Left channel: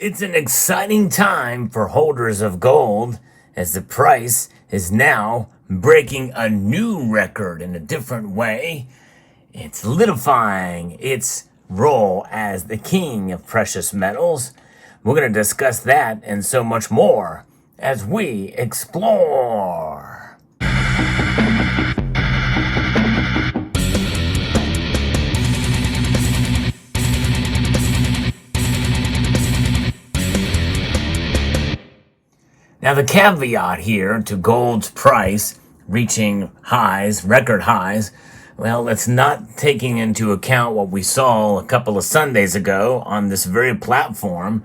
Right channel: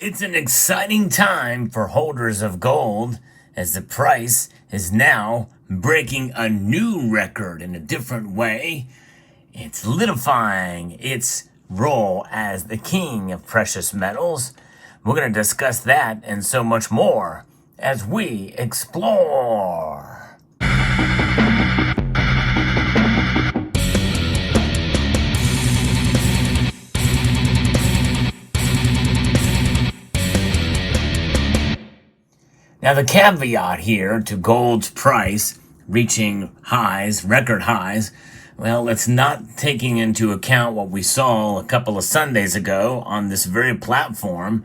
It's an exciting time for holders of gold as the price is now breaking a new record in a different way. It's solidifying its role as the king of precious metals. We're going to discuss that and so much more as we explore. Now, the caveat here to gold's price reaching highs, record highs, well, it's not taking into account what we saw a couple of Sundays ago on this very platform.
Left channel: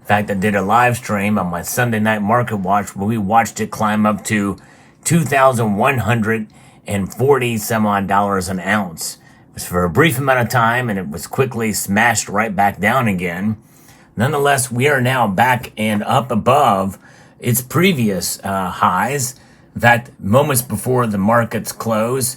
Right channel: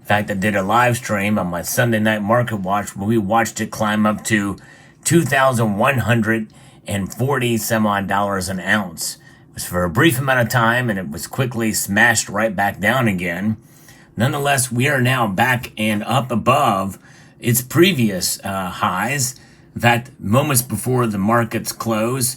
In fact, I did a live stream on my Sunday night market watch where we watched it climb up to $2,140 some odd dollars an ounce. It was for a brief amount of time and it was quickly smashed right back down again. Nonetheless, we are now back and up above its previous highs. In fact, moments before the markets close,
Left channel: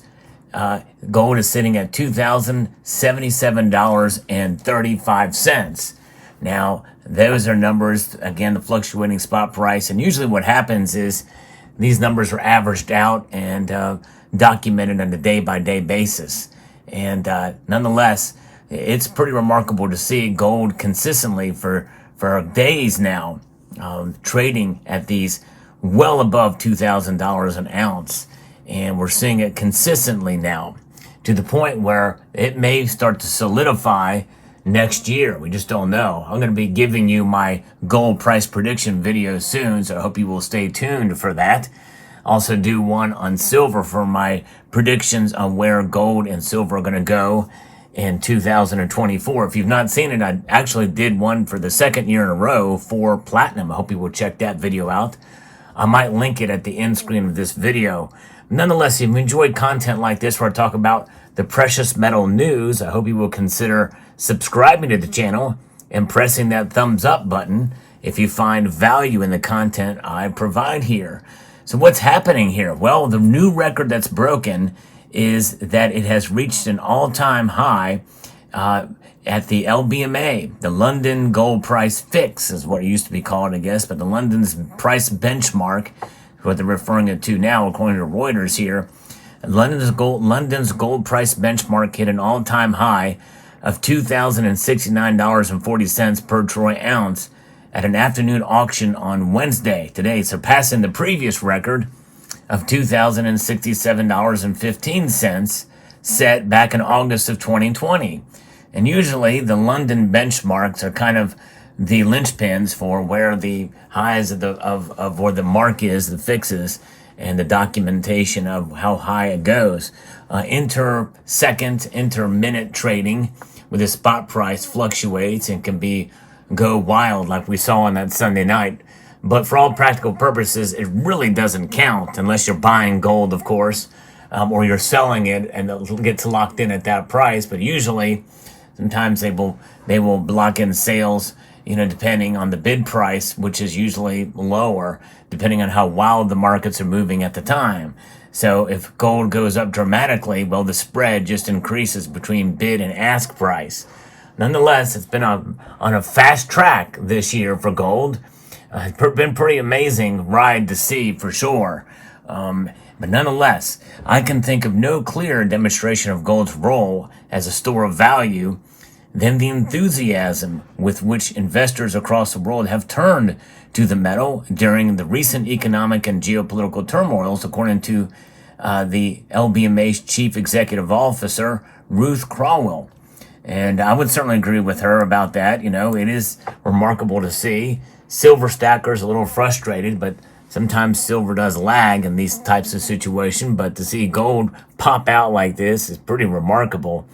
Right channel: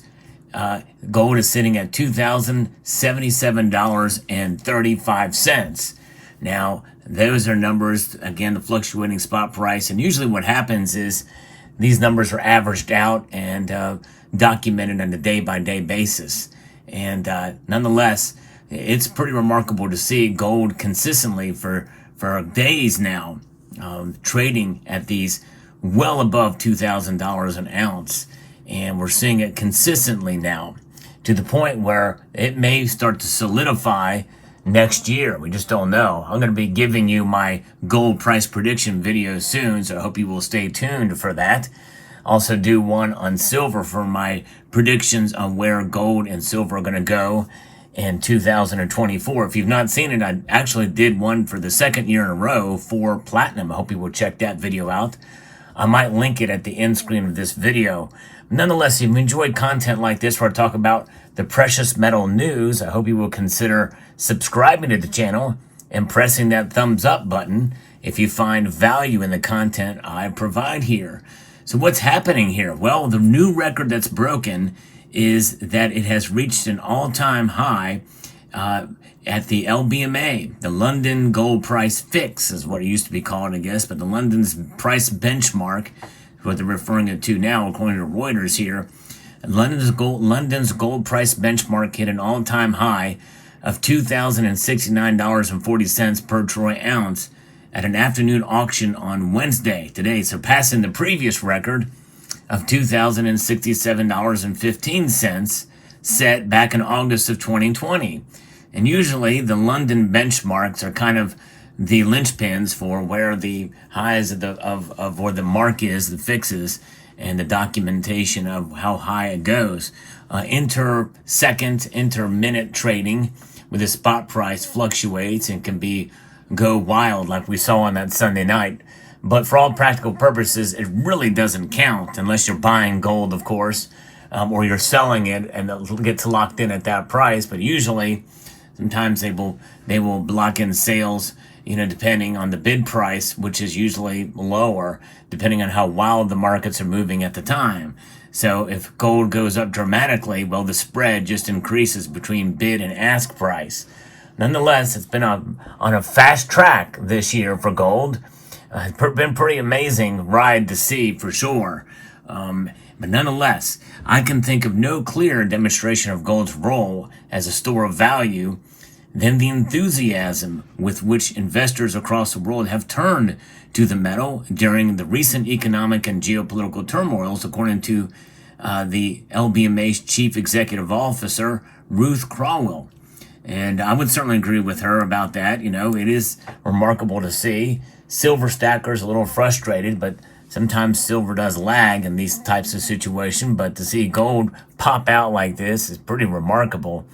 gold is sitting at $2,077.35. Now, those are numbers, again, the fluctuating spot price. And usually what happens is these numbers are averaged out and documented on a day-by-day basis. And nonetheless, it's pretty remarkable to see gold consistently for days now trading at these well above $2,000 an ounce. And we're seeing it consistently now to the point where it may start to solidify next year. We just don't know. I'm going to be giving you my gold price prediction video soon, so I hope you will stay tuned for that. Also do one on silver for my predictions on where gold and silver are going to go in 2024. If you've not seen it, I actually did one for the second year in a row for platinum. I hope you will check that video out. I might link it at the end screen of this video. Nonetheless, if you enjoyed content like this where I talk about the precious metal news, I hope you will consider subscribing to the channel and pressing that thumbs up button if you find value in the content I provide here. So what's happening here? Well, the new record that's broken is that it has reached an all-time high at the LBMA, the London Gold Price Fix is what it used to be called, I guess, but the London's price benchmark, what they're referring it to now, according to Reuters here. London's gold price benchmark hit an all-time high of $2,069.40 per troy ounce at an afternoon auction on Wednesday, today, surpassing the previous record of $2,067.15 set back in August of 2020. And usually the London benchmarks are kind of the linchpins for where the highs of where the mark is, the fixes, and the documentation of how high it goes. Inter-second, inter-minute trading with the spot price fluctuates and can go wild like we saw on that Sunday night. But for all practical purposes, it really doesn't count unless you're buying gold, of course, or you're selling it and it gets locked in at that price. But usually, sometimes they will lock in sales, depending on the bid price, which is usually lower, depending on how wild the markets are moving at the time. So if gold goes up dramatically, well, the spread just increases between bid and ask price. Nonetheless, it's been on a fast track this year for gold. It's been pretty amazing ride to see for sure. But nonetheless, I can think of no clearer demonstration of gold's role as a store of value than the enthusiasm with which investors across the world have turned to the metal during the recent economic and geopolitical turmoils, according to the LBMA's chief executive officer, Ruth Crowell. And I would certainly agree with her about that. It is remarkable to see. Silver stacker's a little frustrated, but sometimes silver does lag in these types of situations. But to see gold pop out like this is pretty remarkable.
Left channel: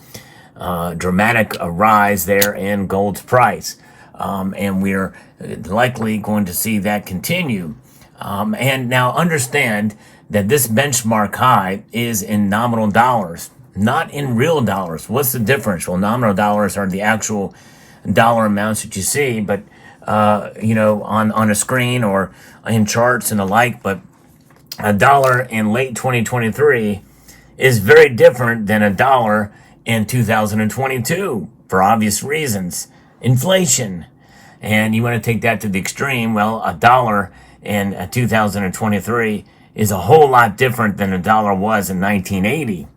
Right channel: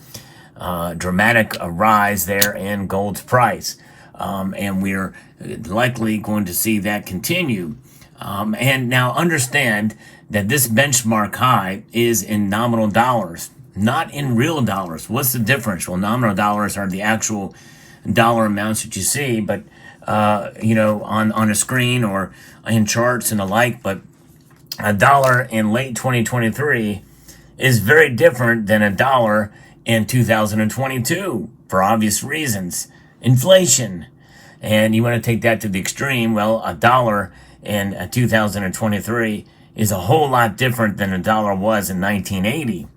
Dramatic rise there in gold's price. And we're likely going to see that continue. And now understand that this benchmark high is in nominal dollars, not in real dollars. What's the difference? Well, nominal dollars are the actual dollar amounts that you see, but on a screen or in charts and the like. But a dollar in late 2023 is very different than a dollar in 2022 for obvious reasons. Inflation. And you want to take that to the extreme. Well, a dollar in 2023 is a whole lot different than a dollar was in 1980,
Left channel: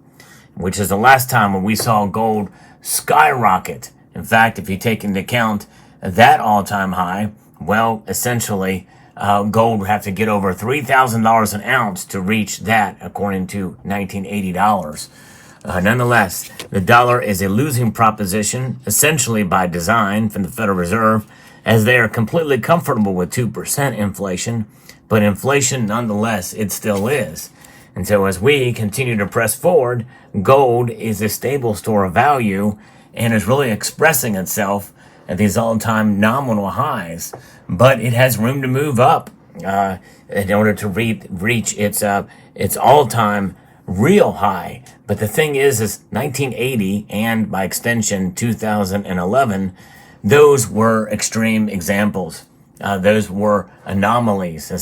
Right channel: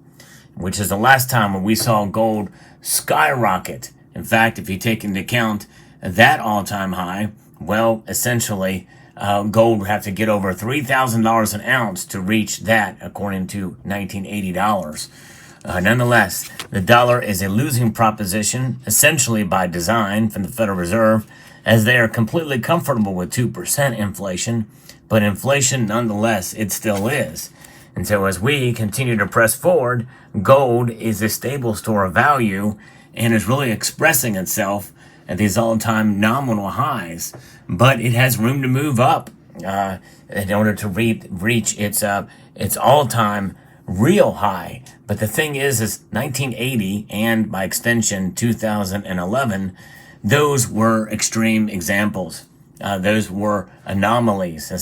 which is the last time when we saw gold skyrocket. In fact, if you take into account that all-time high, well, essentially, gold would have to get over $3,000 an ounce to reach that, according to 1980 dollars. Nonetheless, the dollar is a losing proposition, essentially by design from the Federal Reserve, as they are completely comfortable with 2% inflation, but inflation, nonetheless, it still is. And so as we continue to press forward, gold is a stable store of value and is really expressing itself at these all-time nominal highs. But it has room to move up in order to reach its all-time real high. But the thing is 1980 and by extension 2011, those were extreme examples. Those were anomalies, in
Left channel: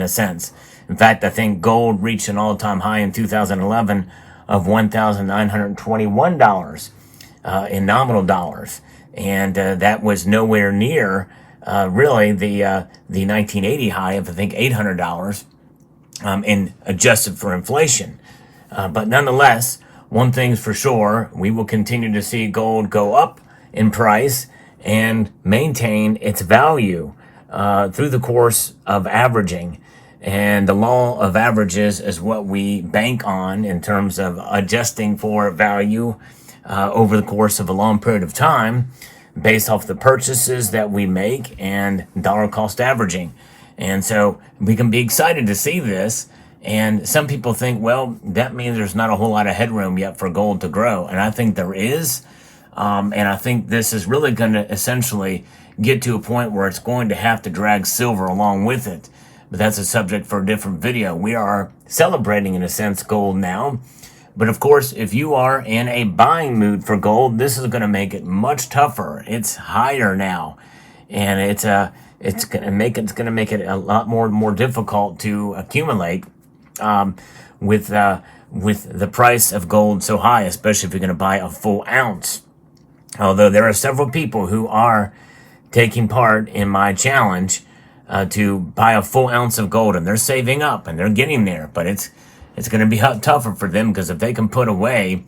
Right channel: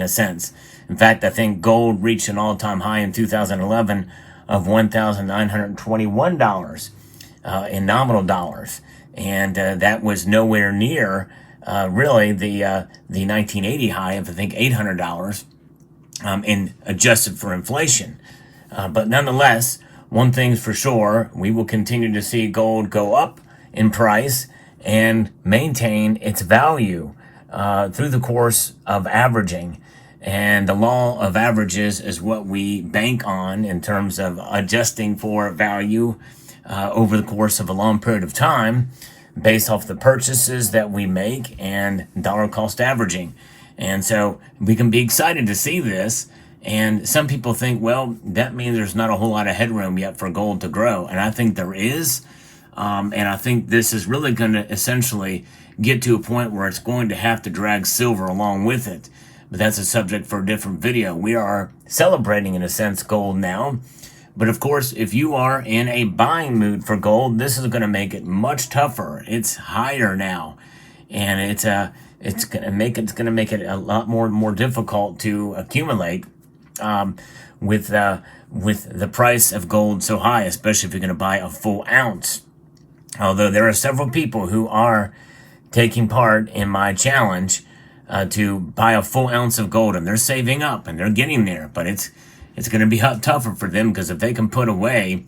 a sense. In fact, I think gold reached an all-time high in 2011 of $1,921 in nominal dollars. And that was nowhere near really the 1980 high of, I think, $800 in adjusted for inflation. But nonetheless, one thing's for sure, we will continue to see gold go up in price and maintain its value through the course of averaging. And the law of averages is what we bank on in terms of adjusting for value over the course of a long period of time based off the purchases that we make and dollar cost averaging. And so we can be excited to see this. And some people think, well, that means there's not a whole lot of headroom yet for gold to grow. And I think there is. And I think this is really going to essentially get to a point where it's going to have to drag silver along with it. But that's a subject for a different video. We are celebrating, in a sense, gold now. But of course, if you are in a buying mood for gold, this is going to make it much tougher. It's higher now. And it's going to make it a lot more difficult to accumulate with the price of gold so high, especially if you're going to buy a full ounce. Although there are several people who are taking part in my challenge to buy a full ounce of gold, and they're saving up and they're getting there. But it's going to be tougher for them, because if they can put away,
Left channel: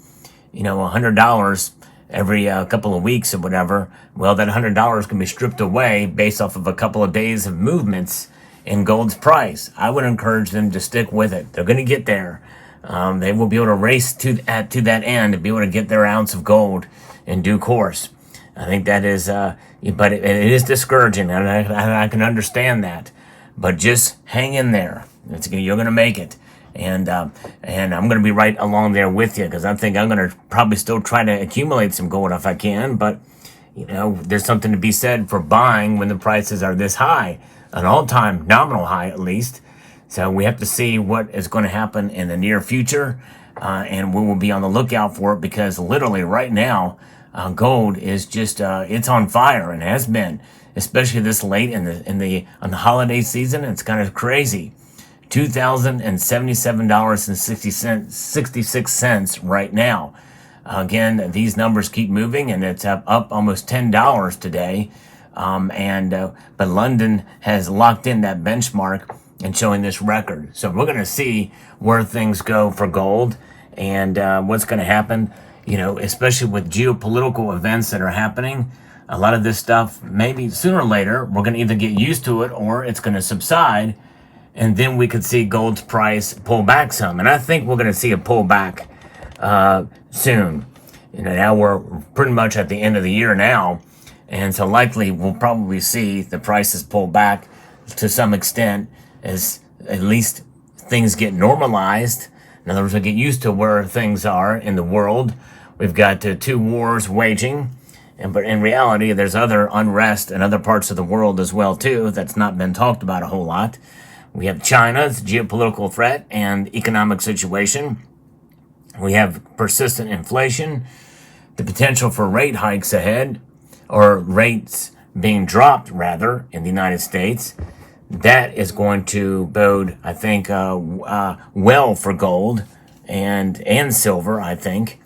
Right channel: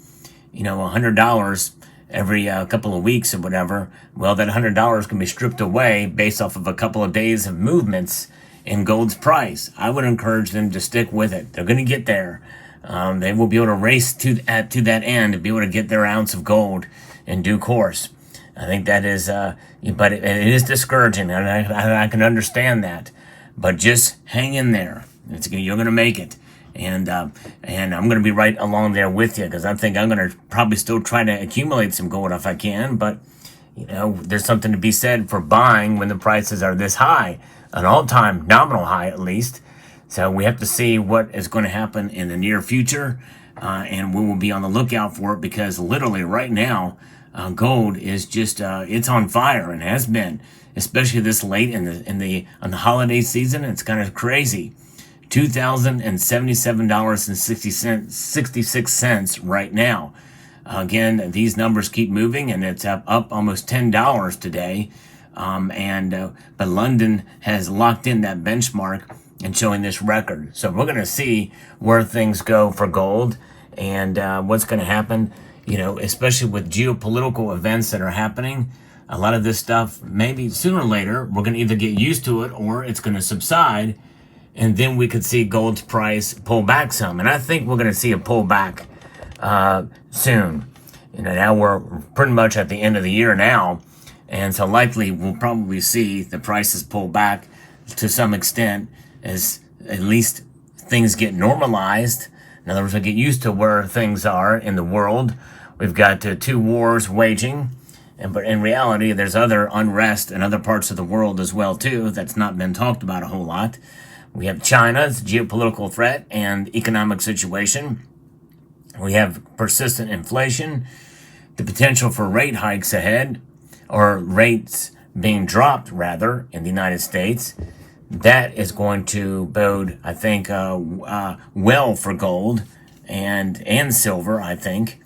$100 every couple of weeks or whatever, well, that $100 can be stripped away based off of a couple of days of movements in gold's price. I would encourage them to stick with it. They're going to get there. They will be able to race to that end and be able to get their ounce of gold in due course. I think that is, but it is discouraging, and I can understand that. But just hang in there. You're going to make it. And I'm going to be right along there with you, because I think I'm going to probably still try to accumulate some gold if I can. But, there's something to be said for buying when the prices are this high, an all-time nominal high at least. So we have to see what is going to happen in the near future, and we will be on the lookout for it, because literally right now, gold is just it's on fire, and has been, especially this late on the holiday season. It's kind of crazy. $2,077.66 right now. Again, these numbers keep moving, and it's up almost $10 today. But London has locked in that benchmark and showing this record. So we're going to see where things go for gold, and what's going to happen, especially with geopolitical events that are happening. A lot of this stuff, maybe sooner or later, we're going to either get used to it or it's going to subside. And then we could see gold's price pull back some. And I think we're going to see a pullback soon. Now we're pretty much at the end of the year now. And so likely we'll probably see the prices pull back to some extent, as at least things get normalized. In other words, we get used to where things are in the world. We've got two wars waging. But in reality, there's other unrest in other parts of the world as well, too, that's not been talked about a whole lot. We have China's geopolitical threat and economic situation. We have persistent inflation, the potential for rate hikes ahead, or rates being dropped, rather, in the United States. That is going to bode, I think, well for gold and silver, I think.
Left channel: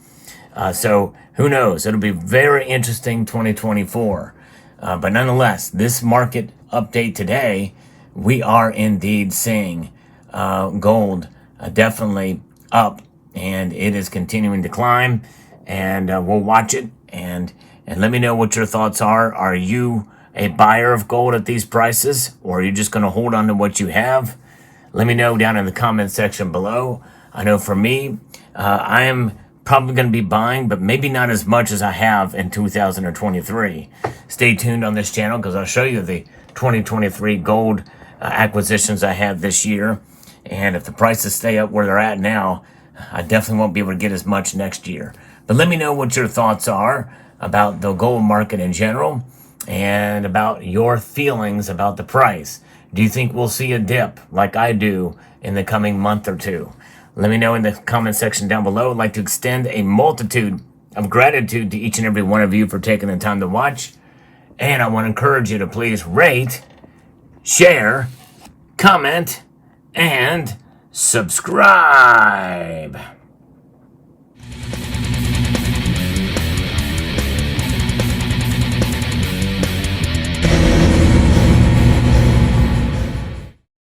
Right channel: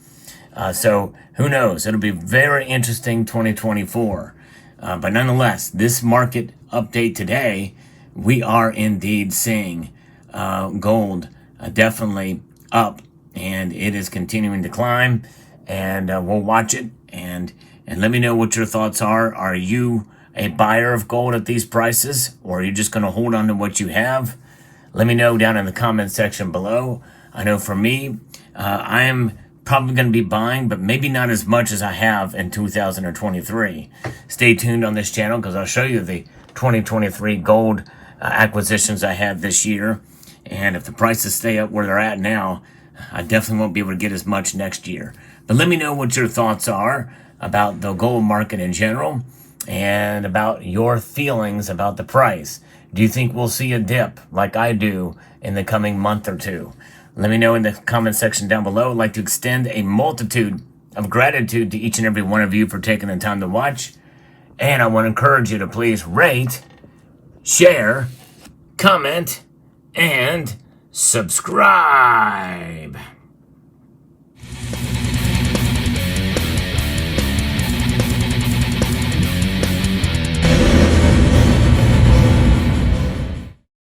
So who knows? It'll be very interesting 2024. But nonetheless, this market update today, we are indeed seeing gold definitely up, and it is continuing to climb, and we'll watch it, and let me know what your thoughts are. Are you a buyer of gold at these prices, or are you just going to hold on to what you have? Let me know down in the comment section below. I know for me, I am probably going to be buying, but maybe not as much as I have in 2023. Stay tuned on this channel because I'll show you the 2023 gold acquisitions I had this year. And if the prices stay up where they're at now, I definitely won't be able to get as much next year. But let me know what your thoughts are about the gold market in general and about your feelings about the price. Do you think we'll see a dip like I do in the coming month or two? Let me know in the comment section down below. I'd like to extend a multitude of gratitude to each and every one of you for taking the time to watch. And I want to encourage you to please rate, share, comment, and subscribe.